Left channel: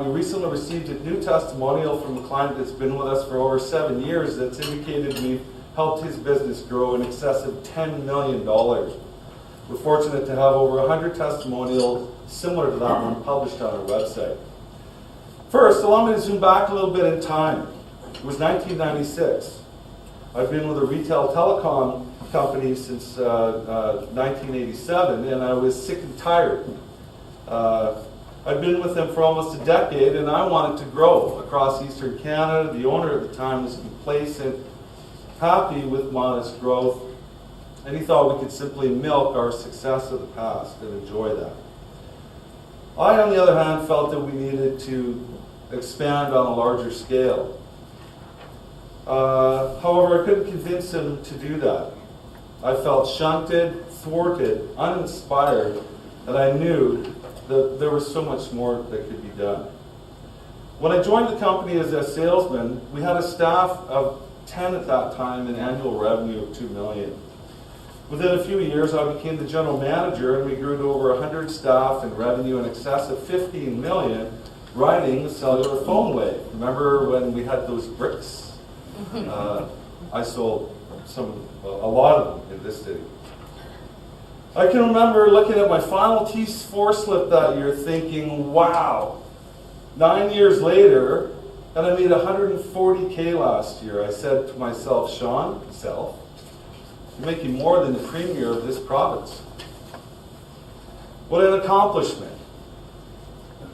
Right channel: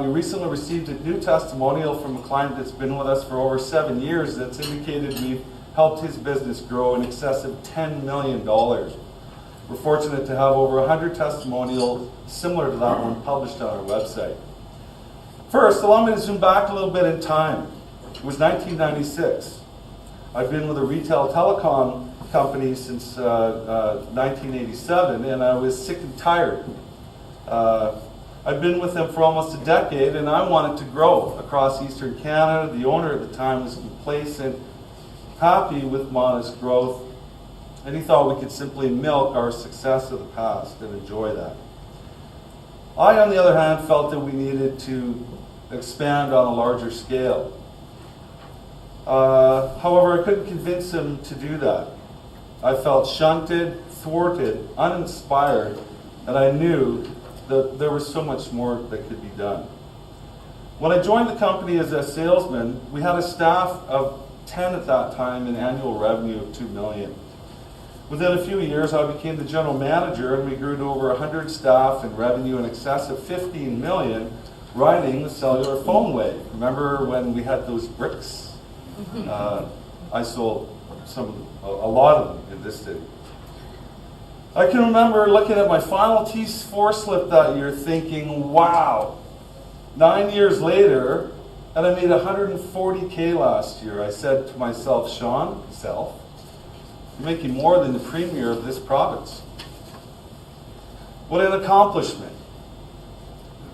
We recently received a new testimonial from a client that's been with us for over 7 years that's indicated we've helped his business grow in excess of $10 million. We're fortunate to have over 100 testimonials similar to that one published on our website. First, allow me to zoom back a little bit in time. It was 1996. I've been with a retail telecom company since 1987, and I was sick and tired. I've been with them for almost a decade, and I wanted to grow across Eastern Canada. The owner at the time was complacent, happy with modest growth, and he thought we could simply milk our success of the past and enjoy that. I, on the other hand, felt that we needed to expand on a larger scale. However, I couldn't convince him to do that. I felt shunted, thwarted, uninspired, and I knew that there was so much more that could be done. When I joined the company as a salesman, we had a staff of 10 at that time and annual revenue of $2 million. Within a few years, I became the general manager, and we grew to over 100 staff and revenue in excess of $15 million, riding the cellular phone wave. Remember when we had those bricks? I sold a lot of them in this city. I can remember looking at my final T4 slip that year thinking, wow, 9 years later, and I made $140K last year. I said to myself, Shawn, you're making more than the premier of this province. What an accomplishment.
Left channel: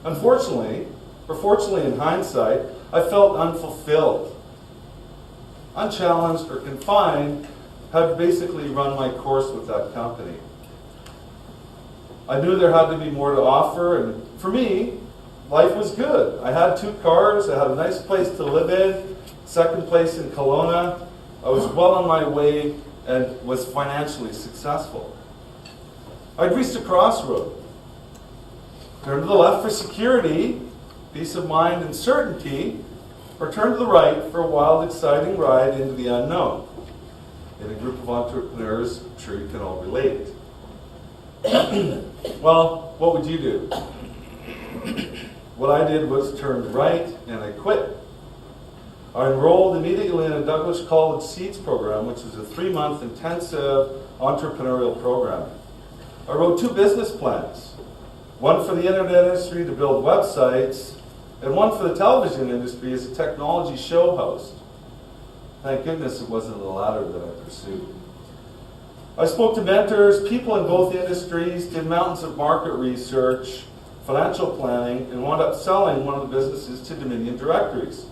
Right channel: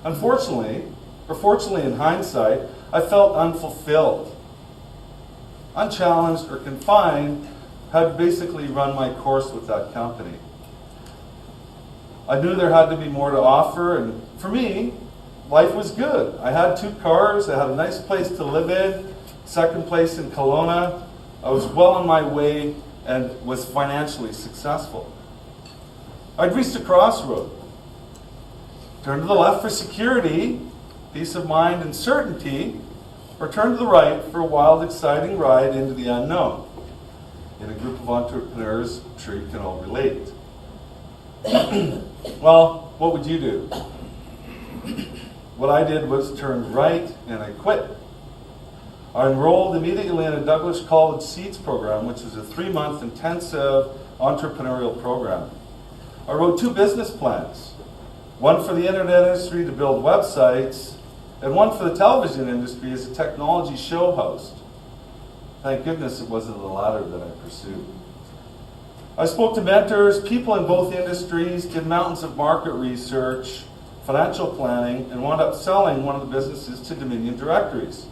Unfortunately, or fortunately in hindsight, I felt unfulfilled. Unchallenged or confined, had basically run my course with that company. I knew there had to be more to offer, and for me, life was good. I had 2 cars, I had a nice place to live in, second place in Kelowna. I was well on my way and was financially successful. I'd reached a crossroad. Turn to the left for security, peace of mind and certainty, or turn to the right for a wild, exciting ride into the unknown. In a group of entrepreneurs, I'm sure you can all relate. Well, what would you do? What I did was turn right and I quit. I enrolled immediately in a Douglas College Seeds program, which is a 3-month intensive entrepreneurial program. I wrote 2 business plans. One for the internet industry to build websites, and one for the television industry as a technology show host. Thank goodness it wasn't the latter that I pursued. I spoke to mentors, people in both industries, did mountains of market research, financial planning, and wound up selling one of the businesses to Dominion Directories.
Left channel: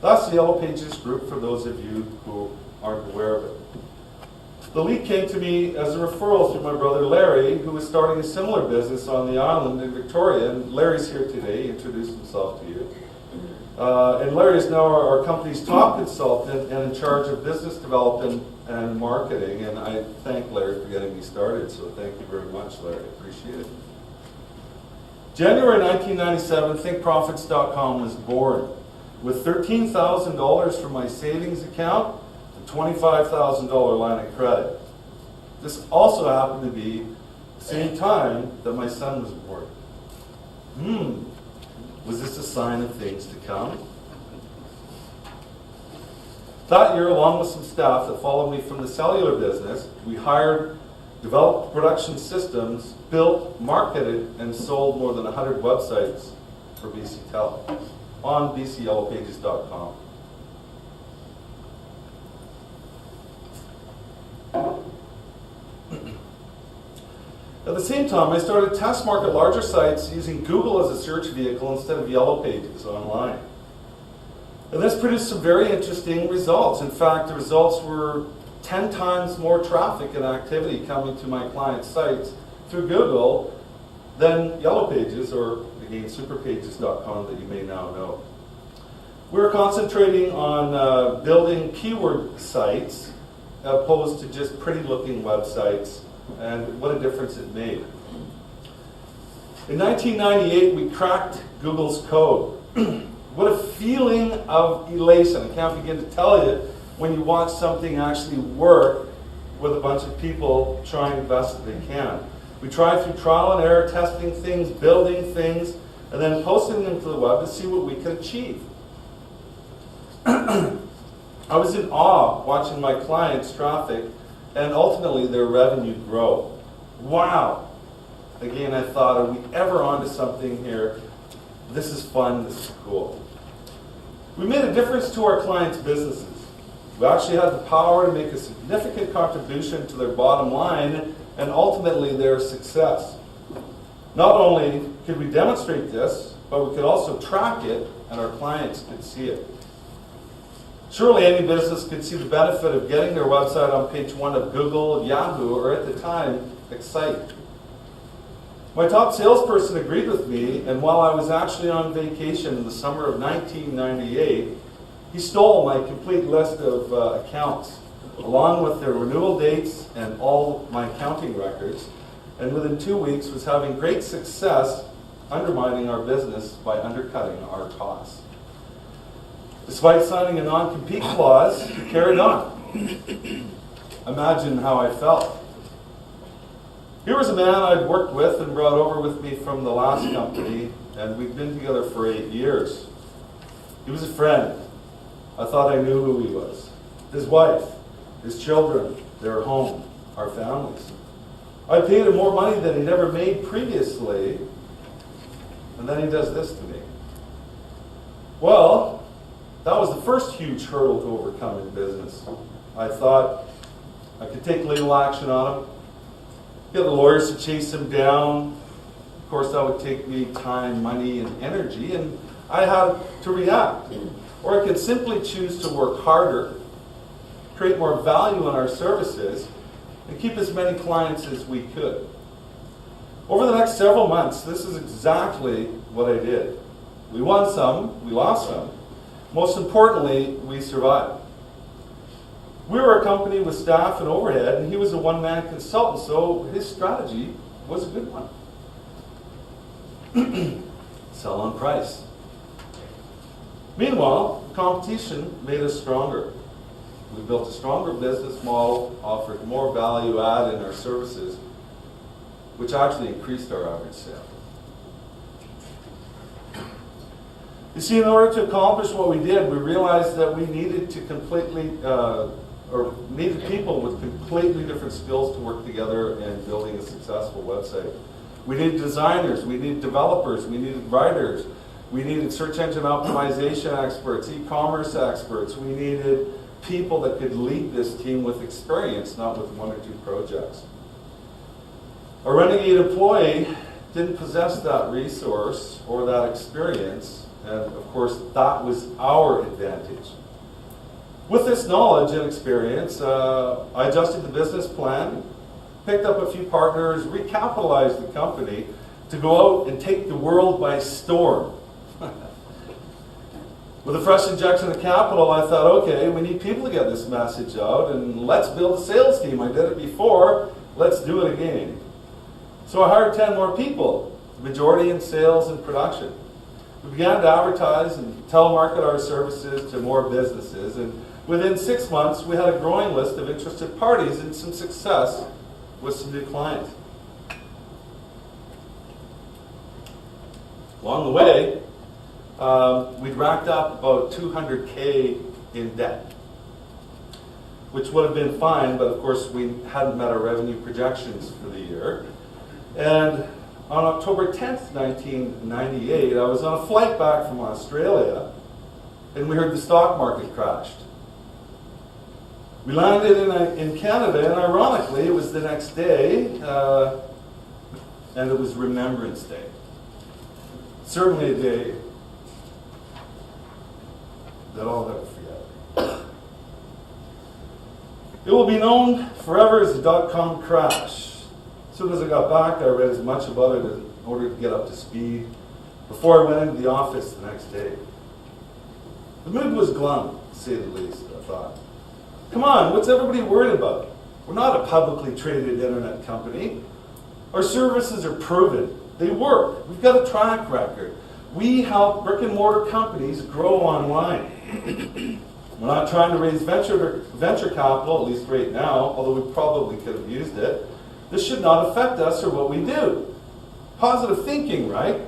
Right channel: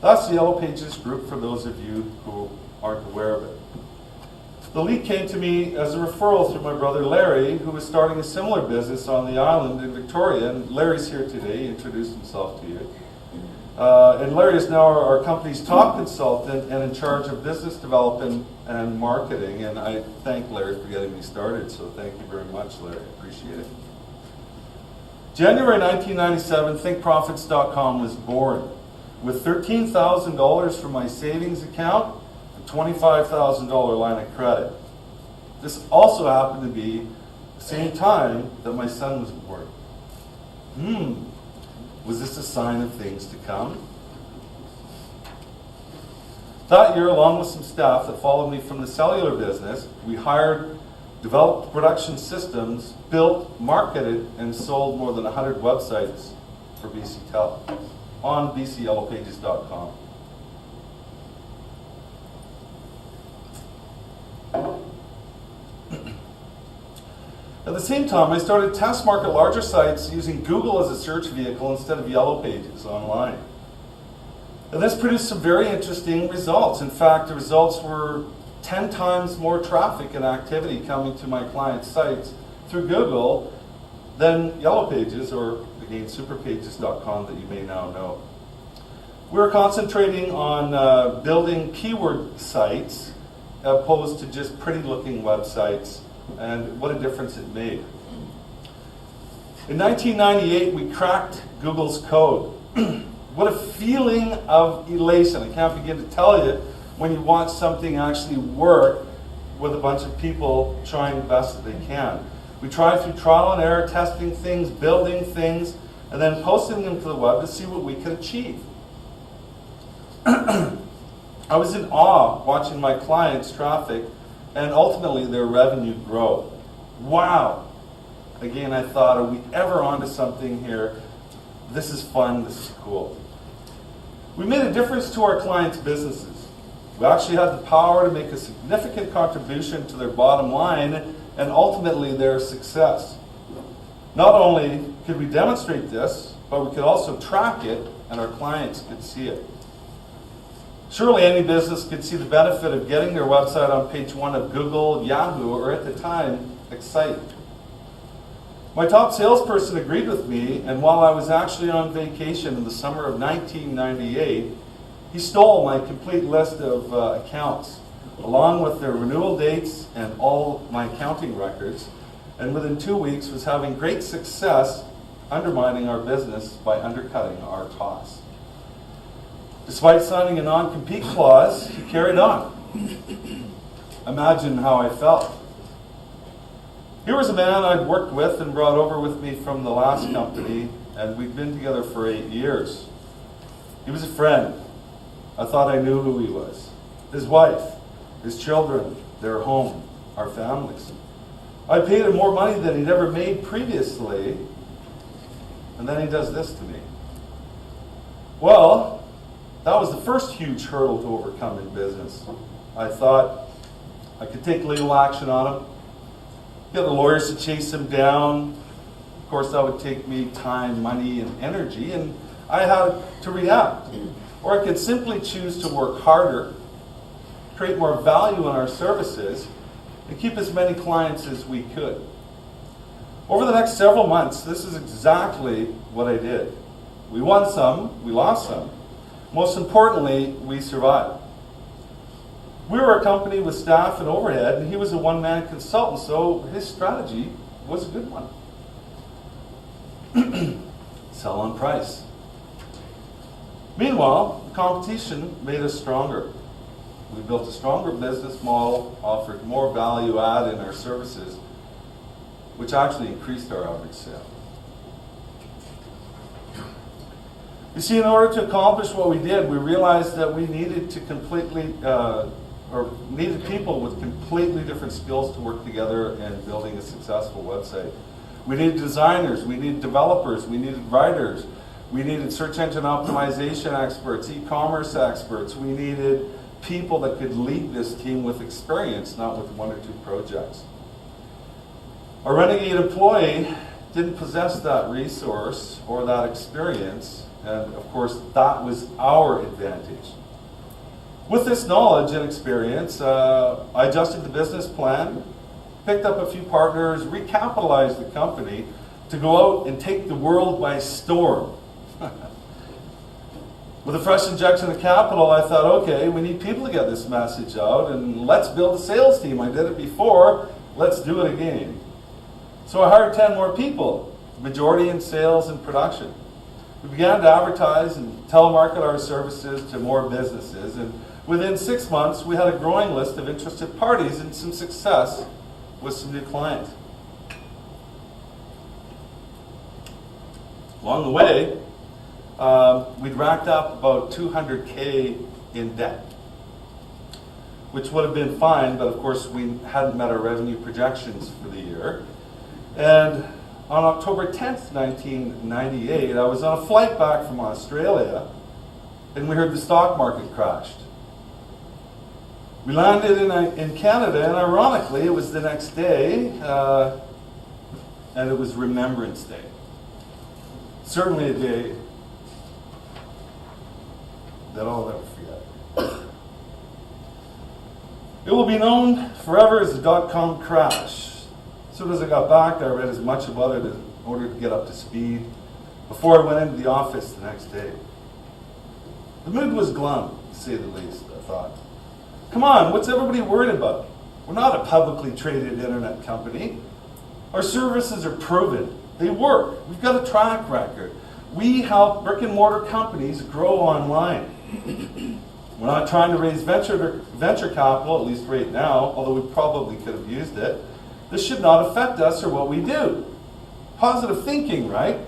That's the Yellow Pages group for those of you who aren't aware of it. The lead came to me as a referral through my brother Larry, who was starting a similar business on the island in Victoria. And Larry's here today. He introduced himself to you. And Larry is now our company's top consultant and in charge of business development and marketing. And I thank Larry for getting me started. So thank you very much, Larry. I appreciate it. January 1997, Profits.com was born with $13,000 from my savings account, a $25,000 line of credit. This also happened to be the same time that my son was born. Was this a sign of things to come? That year, along with some staff that followed me from the cellular business, we hired, developed production systems, built, marketed, and sold more than 100 websites for BC Tel on bcyellowpages.com. At the same time, I started to test market larger sites using Google as a search vehicle instead of Yellow Pages online. And this produced some very interesting results. In fact, the results were 10 times more traffic and activity coming to my clients' sites through Google than Yellow Pages, or again, superpages.com that you may now know. We were concentrating on building keyword sites opposed to just pretty-looking websites, and what a difference it made. In 1998, we cracked Google's code. What a feeling of elation. I can't begin to tell you when you watch something actually work with a bunch of people trying the best that they can. We tried through trial and error, testing things, building things, and then posting them to the web to see what we could achieve. I was in awe watching my clients' traffic and ultimately their revenue grow. Wow! Again, I thought, are we ever onto something here? This is fun, this is cool. We made a difference to our clients' businesses. We actually had the power to make a significant contribution to their bottom line and ultimately their success. Not only could we demonstrate this, but we could also track it and our clients could see it. Surely any business could see the benefit of getting their website on page 1 of Google, Yahoo, or at the time, Excite. My top salesperson agreed with me, and while I was actually on vacation in the summer of 1998, he stole my complete list of accounts, along with their renewal dates and all my accounting records, and within 2 weeks was having great success undermining our business by undercutting our costs. Despite signing a non-compete clause, he carried on. Imagine how I felt. Here was a man I'd worked with and brought over with me from the last company, and we'd been together for 8 years. He was a friend. I thought I knew who he was. His wife, his children, their home, our families. I paid him more money than he'd ever made previously, and then he does this to me. Well, that was the first huge hurdle to overcome in business. I thought I could take legal action on him, get the lawyers to chase him down. Of course, that would take me time, money, and energy, and I had to react. Or I could simply choose to work harder, create more value in our services, and keep as many clients as we could. Over the next several months, this is exactly what I did. We won some, we lost some. Most importantly, we survived. We were a company with staff and overhead, and he was a one-man consultant, so his strategy was a good one. Sell on price. Meanwhile, the competition made us stronger. We built a stronger business model, offered more value add in our services, which actually increased our average sale. You see, in order to accomplish what we did, we realized that we needed to needed people with completely different skills to work together in building a successful website. We needed designers, we needed developers, we needed writers, we needed search engine optimization experts, e-commerce experts. We needed people that could lead this team with experience, not with 1 or 2 projects. A renegade employee didn't possess that resource or that experience, and of course that was our advantage. With this knowledge and experience, I adjusted the business plan, picked up a few partners, recapitalized the company to go out and take the world by storm. With a fresh injection of capital, I thought, okay, we need people to get this message out, and let's build a sales team. I did it before, let's do it again. So I hired 10 more people, the majority in sales and production. We began to advertise and telemarket our services to more businesses, and within 6 months, we had a growing list of interested parties and some success with some new clients. Along the way, we'd racked up about $200K in debt, which would have been fine, but of course we hadn't met our revenue projections for the year. And on October 10th, 1998, I was on a flight back from Australia, and we heard the stock market crashed. We landed in Canada, and ironically, it was the next day, and it was Remembrance Day. Certainly a day that I'll never forget. It will be known forever as the dot-com crash. As soon as I got back, I read as much about it in order to get up to speed before I went into the office the next day. The mood was glum, to say the least, I thought. Come on, what's everybody worried about? We're not a publicly traded internet company. Our services are proven. They work. We've got a track record. We help brick and mortar companies grow online. We're not trying to raise venture capital, at least right now, although we probably could have used it. This should not affect us or what we do. Positive thinking, right?